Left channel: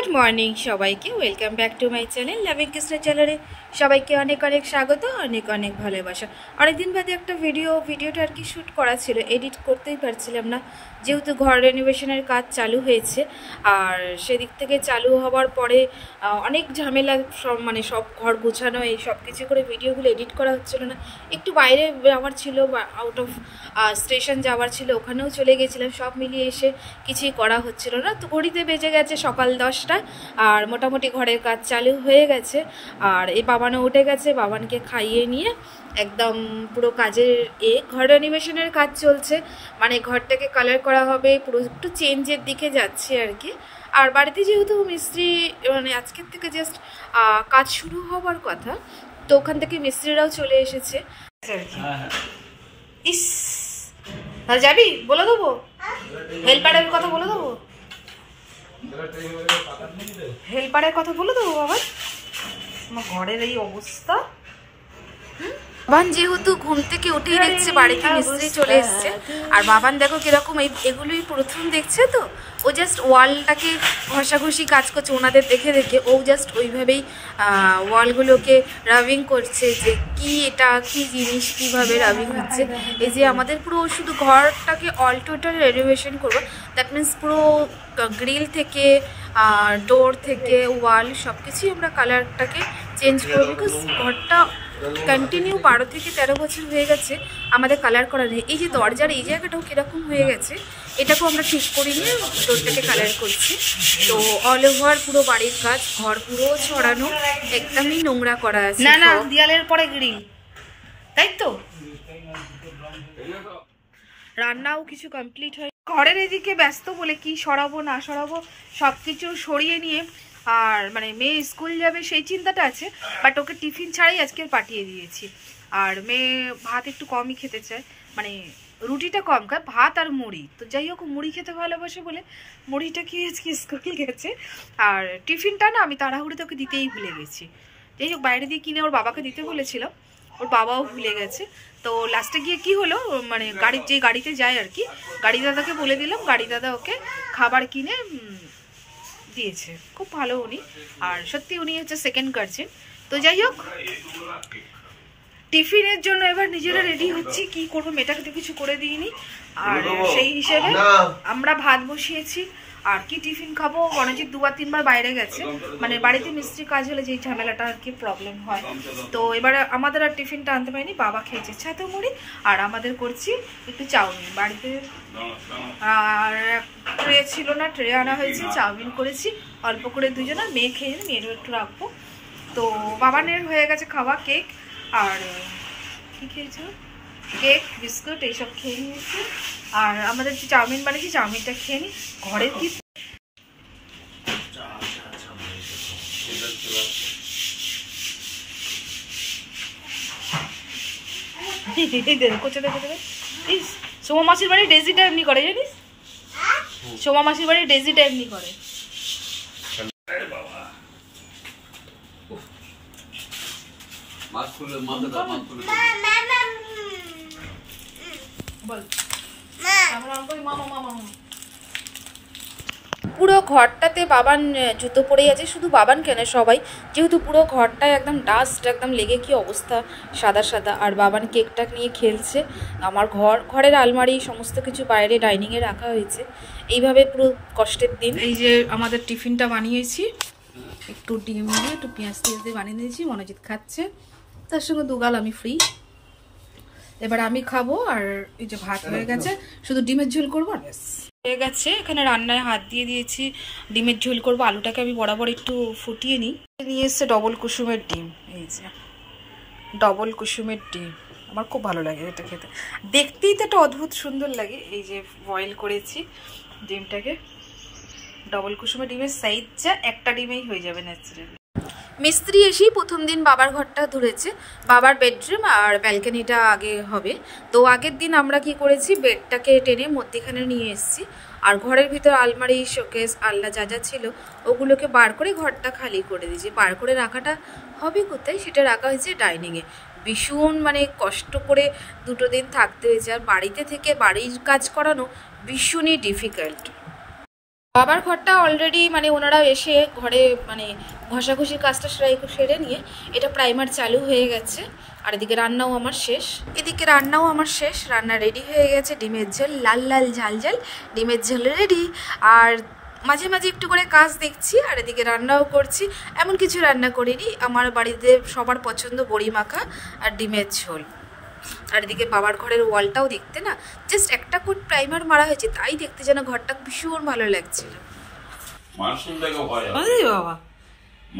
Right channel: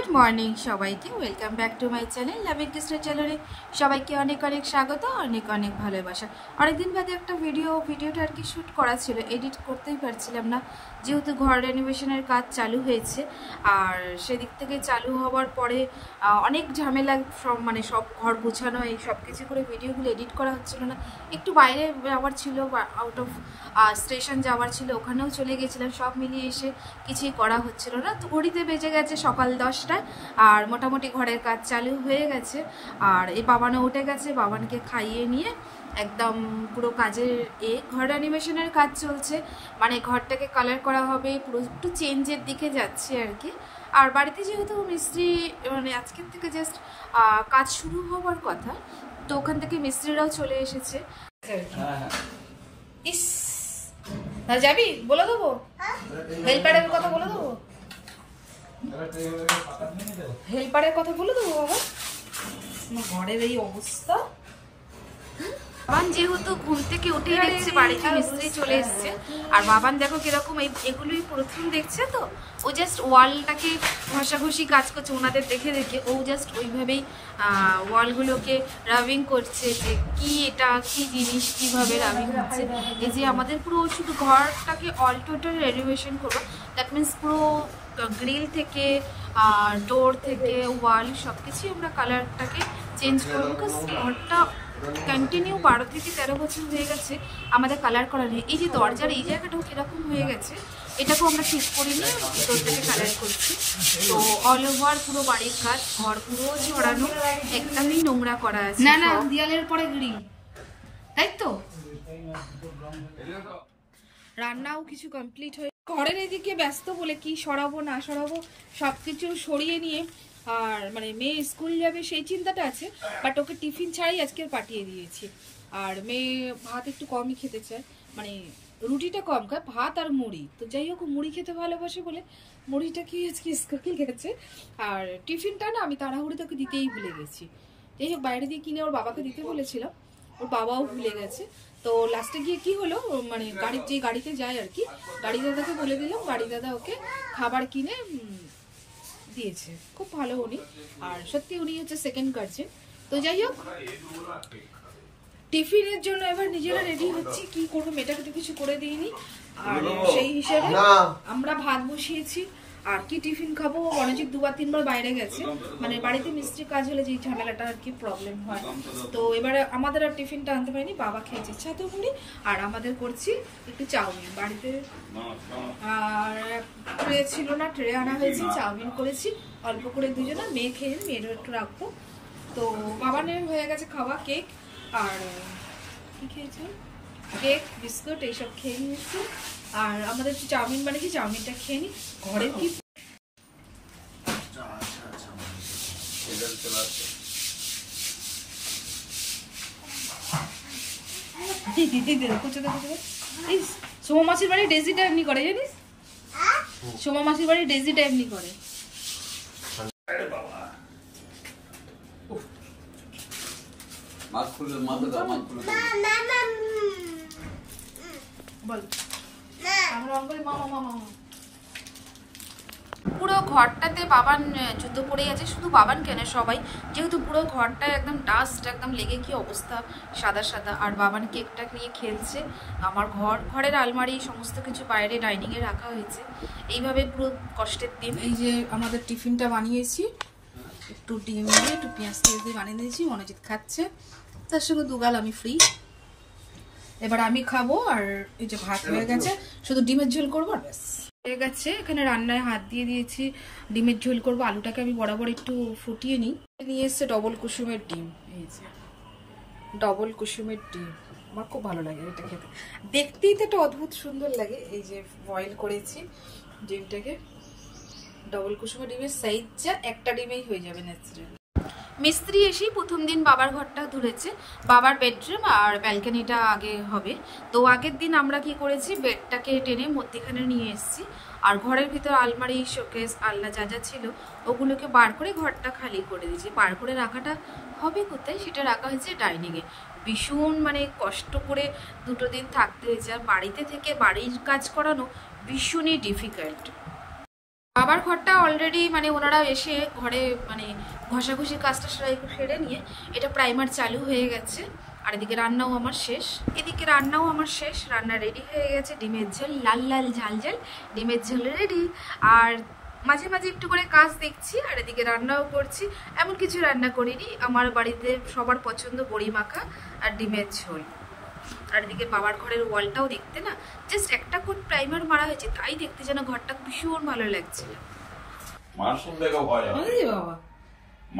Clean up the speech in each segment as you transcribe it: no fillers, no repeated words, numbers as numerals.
Good morning সবাইকে, welcome back to my channel loving Krishna চ্যানেলে সবাইকে অনেক অনেক স্বাগত, অনেক অনেক ভালোবাসা। অনেকদিন বাদে একটা ভিডিওটা আর কি শ্যুট করা ছিল, এডিট করতেই পারছিলাম না যেহেতু ঘর রেনোভেশনের কাজ চালু হয়েছে। আর সেদিক থেকে চালু হওয়ার পরে অনেক ঝামেলা, সব ঘর গোছানো এই সব কিছু করে ভিডিওগুলো এডিট করা হচ্ছিল না। একটু বাইরে যাওয়ার ছিল বা আউট অফ স্টেশন যাওয়ার ছিল, ওখানেও চলে গেছিলাম, সব মিলিয়ে এসে কিছুই করা হচ্ছিল না। তো ঘড়িতে বেজে গেছে সকাল 10টা, আর মোটামুটি ঘরের কাজ চালু হয়ে গেছে। আর এই বাবানও উঠে গেছে, বাবানকে খাইয়ে নিয়ে একদম পুরো কাজের ঘর রেনোভেশনের কাজ চলছে, মানে ঘরটাকে কালার করা হবে, পুরো একটু চেঞ্জের দিকে যাচ্ছে আর কি। আর বাড়িতে যেহেতু মিস্ত্রি মানে আজকের থেকে জাস্ট কাজ শুরু হওয়ার কথা, তো ওখান থেকে মিস্ত্রিরাও চলে এসেছে আর কি। ইস, তাহলে যাবি? বলে দেবো হেল্পারের কথা, বলে দেবো হেল্পারের কথা বলে দেবো। বাবা, আমার ঘরের এই অবস্থা। বাবান যেহেতু ঘুম থেকে উঠেই দেখছে বাড়িতে মিস্ত্রি চলে এসছে, আর বাবান দেখো কিরকম এগুলোই প্রথম দেখছে, তো ও জাস্ট ওয়ালটাকে ঘষাঘষি কাজ করছে ওনাদের দেখে দেখে, ও জাস্ট ওইভাবেই ওয়ালগুলোকে রাবিং করছে যে কি এটা কি জিনিস, কীভাবে রাবিং হচ্ছে। এই যে আমাদের পুরো শুধু ঘরটাকে অল টোটাল রেনোভেশন করবো, দ্যাট মিনস পুরো গ্রিল থেকে ডোর থেকে ওয়াল সব কিছুই আমরা কালারটাকে চেঞ্জ করবো, বিকজ ঘরটা কন্টিনিউ 12 থেকে 13 বছর হয়ে গেছে আমাদের কালার করা নেই। এই যে দরজার এই জায়গাটাও কীরকম হয়ে গেছে, এটাকেও আমরা ঠিক করে নিয়ে ডোরটাকে কালার করছি। তো অল ওভার পুরো বাড়ির কাজ, ঘর পুরো ছড়ানো, একদমই নোংরা করা আছে। না না, দেয়ালের পরে গ্রিল, তাই তো। রান্নাও কিছু কমপ্লিট হয়, ঘরের এদিকে ব্যস্ত বলে কি সরাবো না সরাবো সব কিছু সরিয়ে নিয়ে, আর মানে মেয়ে স্কুল যাবে সেই চিন্তাটা আছে, বাট ওকে টিফিন ছাড়াই আজকে পাঠিয়ে দিয়েছি। আর মেয়ে ভাত একটু কমই খেতে চায়, মানে রুটিটা কম খায়, ভাত আর মুড়ি। তো যাই হোক, মুড়ি খেতে ভালোবাসে বলে মুড়িটা খেয়ে আজকে স্কুল গেছে। আর টিফিনটা না আমি তাড়াহুড়োতে ওকে দিতেই ভুলে গেছি। যাই হোক, বাইরে দিয়ে কিনে ওর বাবাকে দিতে বলেছিলাম, ওর বাবাও ভুলে গেছে। তো লাস্টে গিয়ে কি হলো, মানে যে গাড়িতে যায় আর কি, গাড়ি দাদাকে বলে দিলাম, গাড়ি দাদা ওকে খাবার কিনে দিয়েছে, খুব ভালো উনি। আর সত্যি উনি হচ্ছে সেকেন্ড গার্জেন। তো যাই হোক, টিফিনের জন্য এবার নিজেরা রেডি হচ্ছি, কি করবো, মেয়েটাকে তো কিছু করে দিইনি। আর সেই হিসেবে আমরা ভাত বসিয়েছি। আর কি টিফিন খাবো, রণজিৎ 2-3 বার বাইরে গেছে, মানে বাড়িতে মিস্ত্রি কাজ হলে যেই ঝামেলাটা আর কি প্রবলেম হয়। তো এবারে আমাদের আর টিফিনটা আনতে পারিনি, বাবা খেয়েছে ছাতু মুড়ি, আর আমাদের করছি একটু চাউমিন। বাড়িতে আর ট্রে ছিল না, ট্রে আনা হয়েছে, চাউমিন করেছি অল্প করে দুজনে, মেয়ে খেয়ে মেয়েরও একটু রাখবো। তো বাবানের হয়ে গেছে খাওয়া, কেক আর কি খেয়েছো, কেক বিস্কুট এইসব খেয়ে নিয়েছি। আর আমাদের যে চাউমিন বানিয়েছি, চাউমিনটা খেয়ে নিই। ঘরে কি সোমা মাসির বাড়ি ডেজিটা এমনি করে, জানিস? সোমা মাসির বাড়ি ডেজিটা এমনি করে। পুরো ঘরটাতে বাবান জুতো পরেই আছে, শুধু বাবান কেন সবাই, যেহেতু পুরো ঘরটায় একদম ডাস্ট একদম লেগে কি অবস্থা, সাদা সাদা। আর বাবান কেকটা নিয়ে খেলছে। আমার ঘরের আলমারি সমস্ত কিছু বাইরে ডাইনিংয়ে রাখা হয়েছে, এইভাবে পুরো কষ্টের দিন। এই যে আমাদের টিফিনটা বানিয়েছি, একটু ডিম দিয়ে একটু পেঁয়াজ দিয়ে বানিয়ে দিয়েছি, মনোজিৎ খাচ্ছে, তার সঙ্গে দুগাল আমি ফ্রি। এবার আমি খাবো। আর এই যে ভাত হয়ে গেছে, শুধু ডিমের ঝোল করবো আর ব্যাস হয়ে গেছে। এখানে রান্নায় হাত দিয়ে দিয়েছি, ডিমের ঝোল করবো। আলুটাকে আমি বরাবর একটু ফুটিয়ে নিই। নিয়ে এসছে ডবল কুসুমের ডিম, এই যে ডবল কুসুমের ডিম, আমার খুব ভালো লাগে এটা খেতে, দেখতেই তো একটা অদ্ভুত সুন্দর লাগে। এই যে বয়েল করেছি ডিমটাকে, ডবল কুসুমের ডিমের সাইজ যা একটা ডিমেই হয়ে যাবে ন্যাচারালি। মিস্ত্রি এসেই প্রথম দিন বাবার ঘরটা ধরেছে, বাবার বেডরুম আর ব্যালকনিটা আগে হবে। তো আগের দিন আমরা কি করেছি, বেডটাকে টেনে মধ্যেখানে নিয়ে এসেছি, আর ঘরের ভিতর আলমারি, শোকেস, আলনা যা যা ছিল ওগুলোকে বার করে ঘরটা খালি করে দিয়েছি। বার করে রাখাটা হবে কোথায়, সেটা রাখা হয়েছে ডাইনিংয়ে। ভীষণ মানে কষ্ট করে 2 দিন থাকতে হয়েছে। আর বাড়িতে থেকে বাড়ির কাজ করানো ভীষণই ডিফিকাল্ট। বাবার ঘরটা অলরেডি মানে ওনারা এসে ঘরে মানে ঘষাঘষির কাজটা সেরে নিয়ে এটা প্রাইমার চালু হয়ে গেছে। আর এদিকে রান্নাও আমার শেষ, রান্না রেডি হয়ে গেছে। ডিমের ঝোল লাল লাল ঝাল ঝাল ডিমের ঝোল রেডি। আর মাঝে মাঝে একটু করে কাজ দেখছি আর এদিকে রান্নাও করছি। এমন কিছু রান্না করিনি, আমার বাড়িতে সবার পছন্দ বড়ি মাখা আর ডিমের ঝোল। আর এদিকে বাবার ঘরের ওয়ালটাও দেখতে না জাস্ট একটা কোট প্রাইমার মারা হয়েছে, তাই দেখতে যেন ঘরটা ভীষণ ভালো লাগছে। বাবা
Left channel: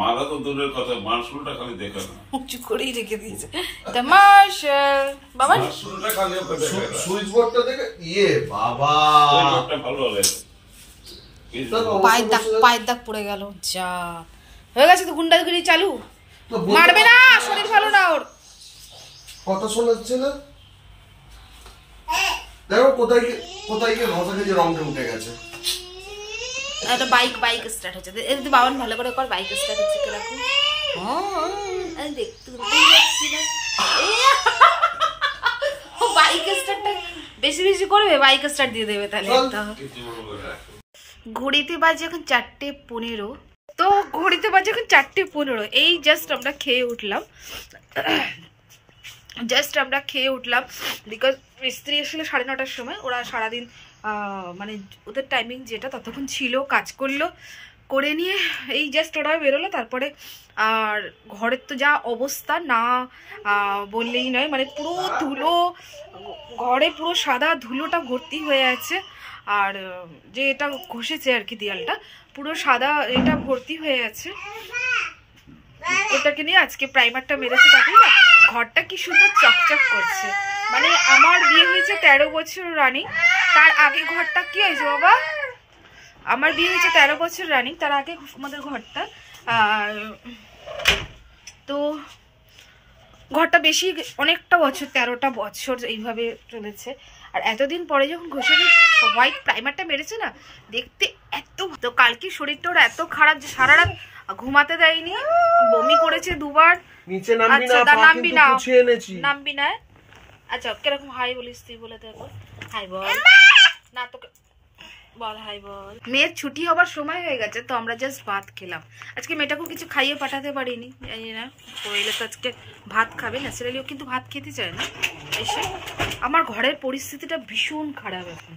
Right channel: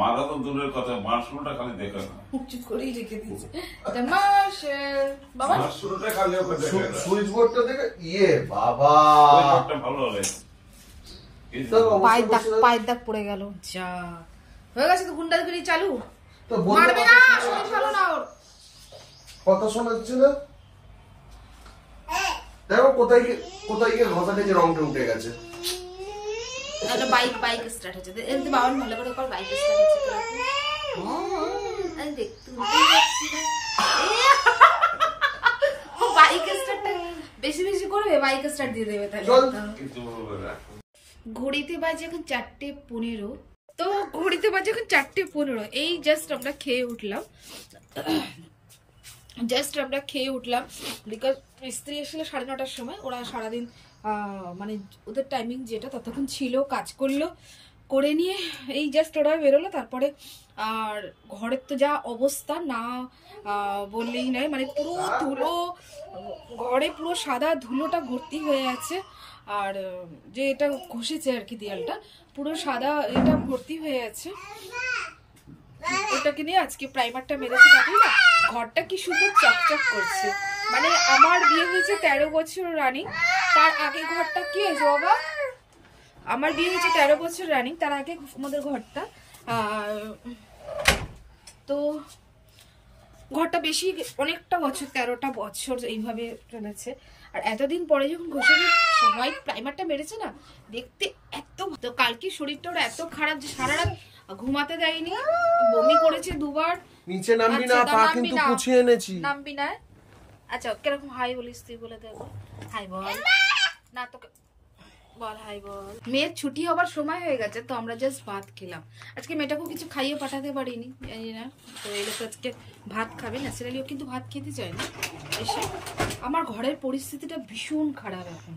মারা তো দূরের কথা, মার্শালটা খালি দেখে না, উঁচু করেই রেখে দিয়েছে। দ্য মার্শাল বাবা, মার্শালটা খালি ওকে দেখে না, সুইচ বোর্ডটা দেখে বাবা সুইচ বোর্ডটা ভালো লাগে। পায়ের দাগ পড়ে গেল। যা হয়ে গেছে তো গুন্ডাগিরি চালু, মারবে না, শরীর ভালো না ওর। কথা শোনাচ্ছে না, দেখো কোথায় গিয়ে ঘষা খেয়ে রংটা উঠে গেছে। একটা বাইক স্টার্ট হচ্ছে, এই তো বাবান ভালো করে কর, বাইক স্টার্ট হচ্ছে কিরকম। বাইক স্টার্টটা বেশি বেশি করবে, বাইক স্টার্ট দিয়ে দেবে তাহলে। ঘড়িতে বাজে এখন 4:15। তো ঘড়িতে বাজে এখন 4:15। এই জাস্ট আমরা খেয়ে উঠলাম, বিকজ মিস্ত্রি এসেছিল 9:30টার সময়। ওরা সারাদিন মানে ওদের টাইমিং যেটা ততক্ষণ ছিল, কাজ করলো, করে নিয়ে এই জাস্ট ওরা বেরোলো। তারপরে আর ঘরের তো যা অবস্থা না বললেই নয়, মানে পুরো ধুলো, ঘরে পুরো সাদা ধুলোটা ভর্তি হয়ে আছে। আর যে এটা ঘষেছে আর কি দেয়ালটা, পুরো সাদা এটা ভর্তি হয়ে আছে। ওটাকে নিয়ে আজকে প্রাইমারটা মেরেছে, তাতেই না ঘরটা কি সুন্দর চকচক করছে। মানে আমার বিয়ে হয়েছে 13 বছর রানিং, তার আগে ঘরটা কি হয়েছে বাবা, আমার বিয়ে হয়েছে 13 বছর রানিং, তার আগে আমাদের ঘরটা তো ঘরটা বেশি অনেকটা বছর, 13টা বছর এইভাবে চলেছে। আর এতদিন পরে যখন ঘষে হোয়াইট প্রাইমারটা মেরেছে না, দেখতে এত, তো কালকে শরীরটা ওর এত খারাপ যে সারা রাত ঘুমাতে দেয়নি, বমি করেছে 2বার। নিচে নামবি না, পা কিন্তু পুছিয়ে এনেছি। নামবি না, আচ্ছা কিরকম হাই বলিস তুই, বলে দেবো হাই বল না, তোকে বল হাই বল। মেয়ের ছুটি হবার সময় হয়ে গেছে, তো আমরা জাস্ট ভাত খেলাম। আজকে মেয়েটাকেও কিছু খাইয়ে পাঠাতে পারিনি, জানি না তো এলে তো আজকে ভাত খাবে, ন্যাচারালিও কিন্তু ভাত খেতে চায় না এসে। আমার ঘরের পরিস্থিতিটা ভীষণ খারাপ এখন,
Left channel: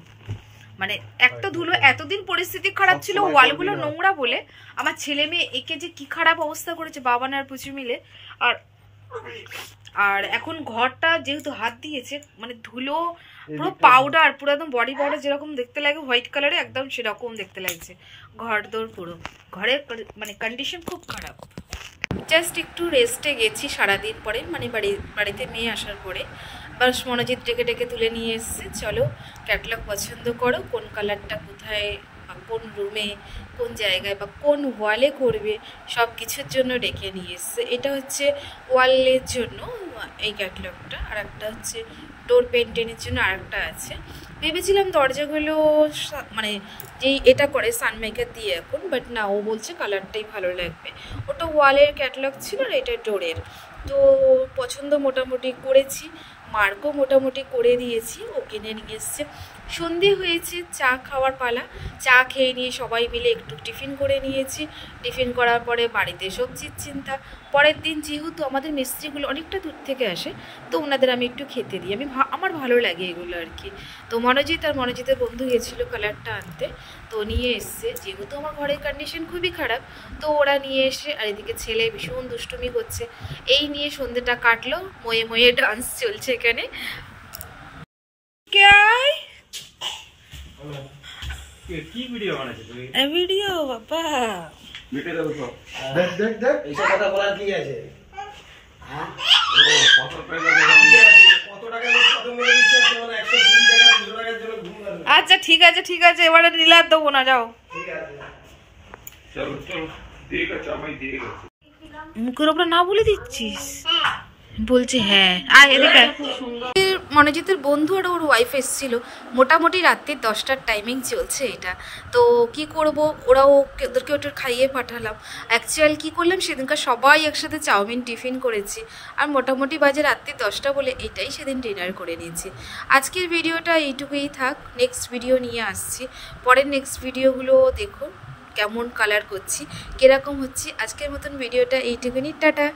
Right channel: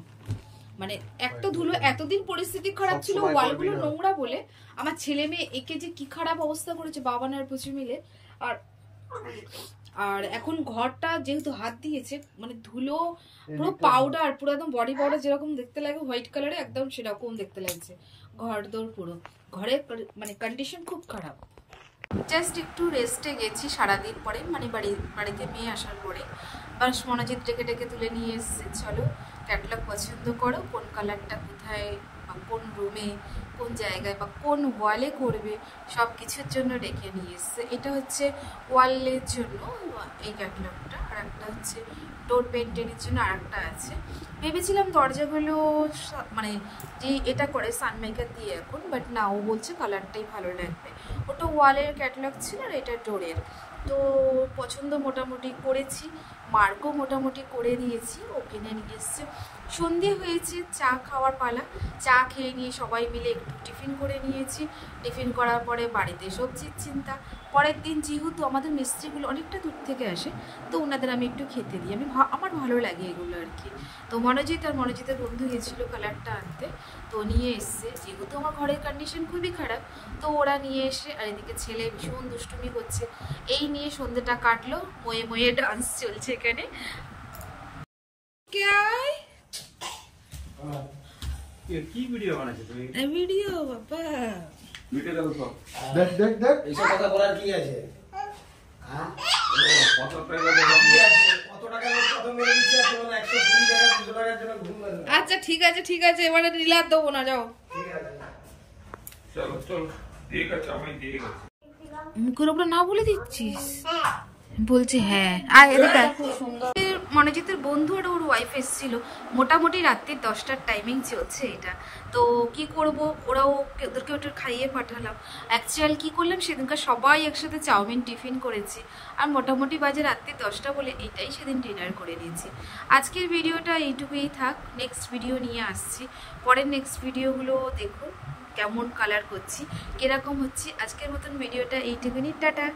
মানে একটা ধুলো, এতদিন পরিস্থিতি খারাপ ছিল ওয়ালগুলো নোংরা বলে, আমার ছেলে মেয়ে একে যে কি খারাপ অবস্থা করেছে বাবা আর পুচু মিলে। আর এখন ঘরটা যেহেতু হাত দিয়েছে, মানে ধুলো পুরো পাউডার, পুরো একদম বডি পাউডার যেরকম দেখতে লাগে হোয়াইট কালারে, একদম সেরকম দেখতে লাগছে ঘর দোর পুরো। ঘরের মানে কন্ডিশন খুব খারাপ। জাস্ট একটু রেস্টে গেছি সারাদিন পরে, মানে বাড়িতে মেয়ে আসার পরে। বাস মনোজিৎ ডেকে ডেকে তুলে নিয়ে এসছে, চলো ক্যাটলগ পছন্দ করো, কোন কালারটা কোথায় বা কোন রুমে কোন জায়গায় বা কোন ওয়ালে করবে, সব কিছুর জন্য ডেকে নিয়ে এসছে। এটা হচ্ছে ওয়ালের জন্য এই ক্যাটলগটা, আর একটা হচ্ছে ডোর পেন্টেনের জন্য আর একটা আছে। ভেবেছিলাম দরজাগুলো মানে যেই এটা করে সানমেকার দিয়ে এখন, বাট না, ও বলছে কালারটাই ভালো লাগবে। ওটা ওয়ালের ক্যাটলগ ছিল আর এটা ডোরের। তো পছন্দ মোটামুটি করেছি, মার্কও মোটামুটি করে দিয়েছি, ও কিনে নিয়ে এসছে। সন্ধে হয়েছে, চা খাওয়ার পালা। চা খেয়ে নিয়ে সবাই মিলে একটু টিফিন করে নিয়েছি। টিফিন করার পরে বাড়িতে সবজির চিন্তা। পরের দিন যেহেতু আমাদের মিস্ত্রিগুলো অনেকটা দূর থেকে আসে, তো ওনাদের আমি একটু খেতে দিই, আমার ভালো লাগে এগুলো আর কি। তো মনোজিতের বন্ধু গেছিলো কালারটা আনতে, তো নিয়ে এসছে। যেহেতু আমার ঘরের কন্ডিশন খুবই খারাপ, তো ওরা নিয়ে এসে, আর এদিকে ছেলে ভীষণ দুষ্টুমি করছে। এই নিয়ে সন্ধ্যেটা কাটলো, ময়ে ময়ে ডান্স চলছে এখানে। ভিডিও বাবা, আচ্ছা ঠিক আছে, এবারে নীলার দেবো না, যাও। মুখের ওপরে না বলে দিচ্ছিস, বলছে হ্যাঁ। আর এদিকে মনোজিতের বন্ধু আর ওর ওয়াইফ এসেছিলো, মোটামুটি রাত্রির 10টার টাইমিং চলছে এটা। তো কি করব, ওদেরকে ওটা খাইয়ে পাঠালাম। অ্যাকচুয়াল কি করলাম, সেদিনকার সবাই একসাথে চাউমিন টিফিন করেছি, আর মোটামুটি বাজে রাত্রি 10টা বলে এটাই সেদিন ডিনার করে নিয়েছি। আজকের ভিডিওটা এইটুকুই থাক, নেক্সট ভিডিও নিয়ে আসছি। পরের নেক্সট ভিডিওগুলো দেখো কেমন কালার করছি, কীরকম হচ্ছে। আজকের মতন ভিডিওটা এইটুকুনি, টাটা।